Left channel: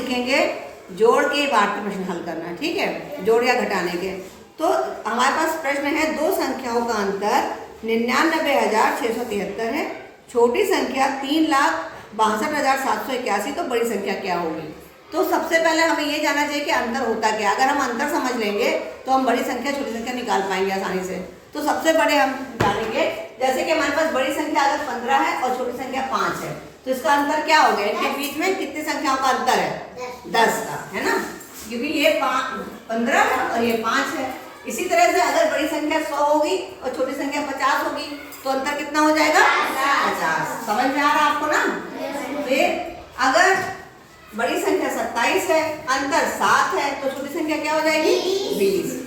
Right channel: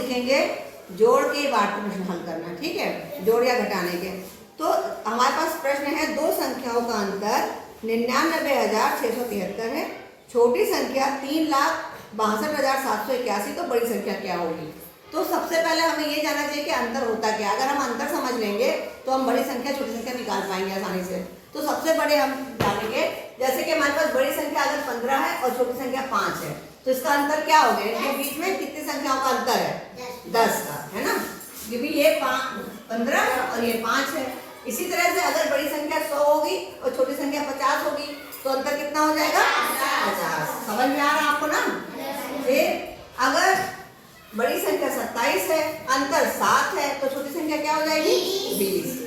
सीखेंगे जोड़ के बाढ़ते प्रश्न हल करना, ठीक है, जोड़ या घटाने के। तो हमारे पास प्रश्न है, दो संख्याओं का अंतर 99,673 है, छोटी संख्या 3,62,781, तो बड़ी संख्या क्या होगी। तो सबसे पहले हमें ये जानना चाहिए कि अंतर होता क्या। अगर हम अंतर समझ लेंगे तो हम बड़ी संख्या छोटी संख्या निकाल पाएंगे आसानी से। तो सबसे बड़े हम डालेंगे, जैसे कि हमारे पास बड़ी संख्या अगर 15 है और छोटी संख्या 5 है, तो इसका अंतर क्या हो गया, इनके बीच में कितनी संख्याओं का अंतर है, 10 का, है ना, क्योंकि ये 15 है और ये 5 है। इसी तरह से अगर बड़ी संख्या 100 होगी और छोटी संख्या 50 होगी, तो अंतर कितना हो जाएगा, 50। समझ में आ रहा आपको ना। फिर अगर बड़ी संख्या 27 है, अंतर 7 है, तो छोटी संख्या क्या हो जाएगी, 20।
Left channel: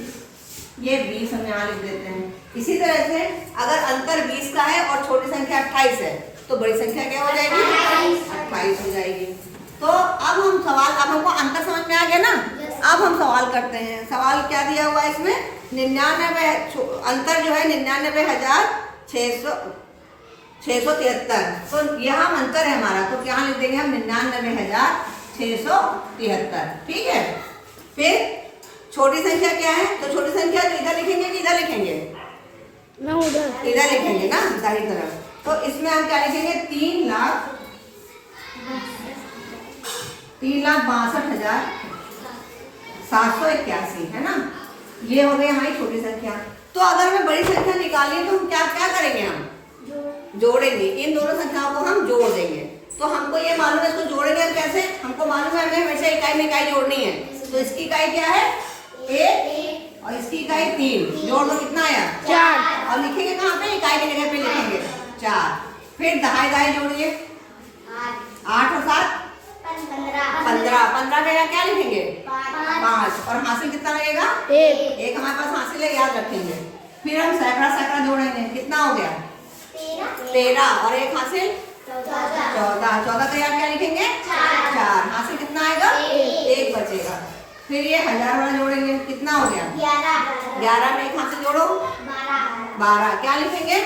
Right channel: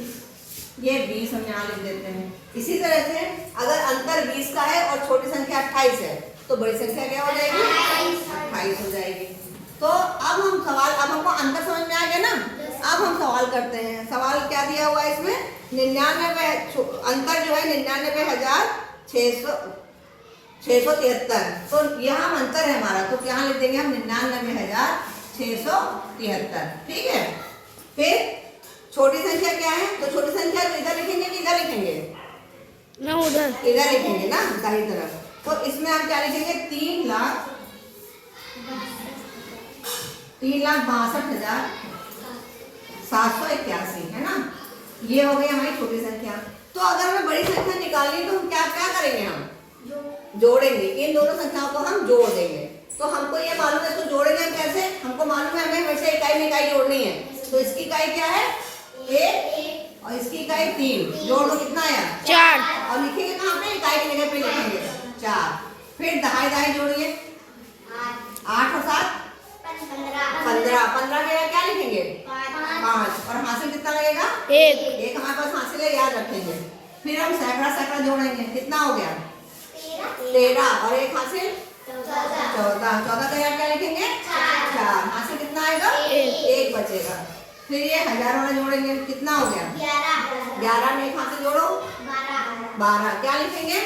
ये 20 हम यहाँ लिख देते हैं। इसी तरह से अगर अंतर 20 का है और छोटी संख्या 28 है, तो बड़ी संख्या क्या हो जाएगी, 28 हो जाएगी। तो अब हम सवाल, अब हमको अंतर समझ में आ गया ना। अब हम सवाल करते हैं। सवाल क्या दिया हुआ है इसमें, 99, अंतर जो है 99,673। तो यहाँ अंतर है हमारा, तो क्या लिख देंगे हम, 99,673, ठीक है। फिर छोटी संख्या क्या है, तो छोटी संख्या तो इधर लिखेंगे कि इधर लिखेंगे ना, उधर इधर लिखेंगे ना, दाहिनी तरफ। तो इसमें हम क्या लिखेंगे, 3,62,781, है ना। ये हो गई हमारी छोटी संख्या। तो अगर हमें बड़ी संख्या निकालनी है तो हम क्या क्या करेंगे, हम जोड़ेंगे, इन दोनों संख्याओं को हम जोड़ देंगे। तो हमको ये मालूम है, तो जोड़ेंगे हम कैसे, हमको मालूम है हमें हमेशा इकाई में इकाई जोड़नी है। तो इसकी इकाई क्या है, 1 और इसकी इकाई 3, जोड़ दो कितना आया, 4। और लिखेंगे कहाँ पे, इकाई की जगह पे लिखेंगे 4। फिर दहाई दहाई जोड़िए, 8 और 7 15, 15 में क्या लिखेंगे, 5, और हासिल कितना लगेगा, 1 हमारे पास हासिल है, याद रखेंगे। फिर हम सैकड़ा सैकड़ा जोड़ेंगे, कितना हो गया, 13, और 1 हासिल 14, 14 का याद क्या लिखेंगे, 4, हासिल कितना आएगा, 1 बचेगा। फिर ये हजार वाला जोड़ेंगे, कितना हो गया, 11 में 1 हासिल जोड़ो, 12, क्या लिखेंगे,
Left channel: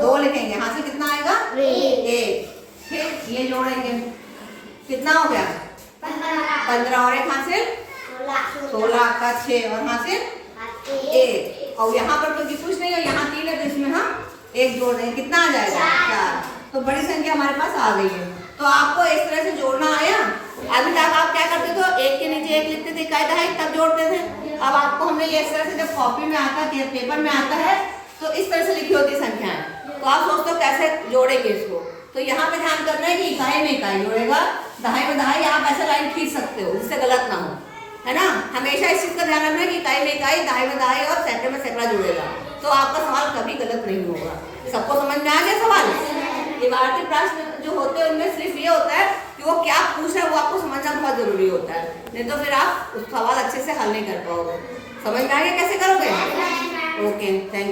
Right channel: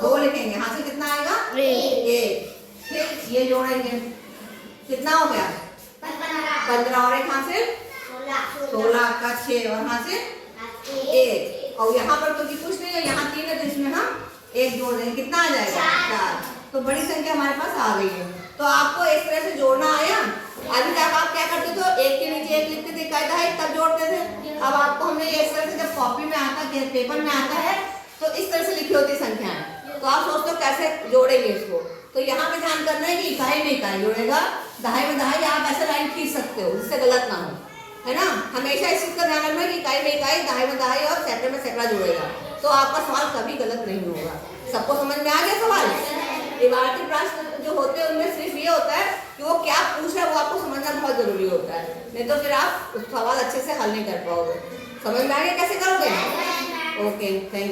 2 लिखेंगे, हासिल कितना आएगा, 1। फिर ये जोड़ेंगे, कितना हो गया, 15, और 1 हासिल 16 का 6, और हासिल 1। और यहाँ पर तो कुछ नहीं है, यहाँ 3 है, तो इसमें हम 1 जोड़ देंगे, कितना आ जाएगा, 4। तो बड़ी संख्या हमारे पास आ गई है। तो आपको इस तरह से जोड़ना आया। अभी तक आप क्या करते थे, 1 के नीचे 1 लिखते थे, इकाई दहाई तब जोड़ते थे। अब आपको हमने ये इस तरह से, जब कॉपी में आता है, पेपर में आता है, तो इस तरह से लिखी होती संख्याएं। तो आप सोचते हो कैसे जोड़ेंगे इसको। तो यहाँ पे ध्यान करना है कि इकाई में इकाई जोड़ेगा, दहाई में दहाई, आप ऐसे लाइन खींच सकते हो जिससे गलत ना हो, है ना। हमेशा इस चीज का ध्यान रखना है कि इकाई में इकाई, दहाई में दहाई और सैकड़े में सैकड़ा जोड़ेगा, तो आपका सवाल कभी गलत नहीं होगा। सबको समझ में आ गया सवाल। इबारती प्रश्न जो होते हैं उनमें सिर्फ ये होता है कि वो क्या पूछ रहा है, वो आपको समझना बहुत जरूरी होता है, नहीं तो फिर आप उस सवाल अच्छे से हल नहीं कर पाओगे। समझ में आ गया कैसे करोगे। Okay, thank you.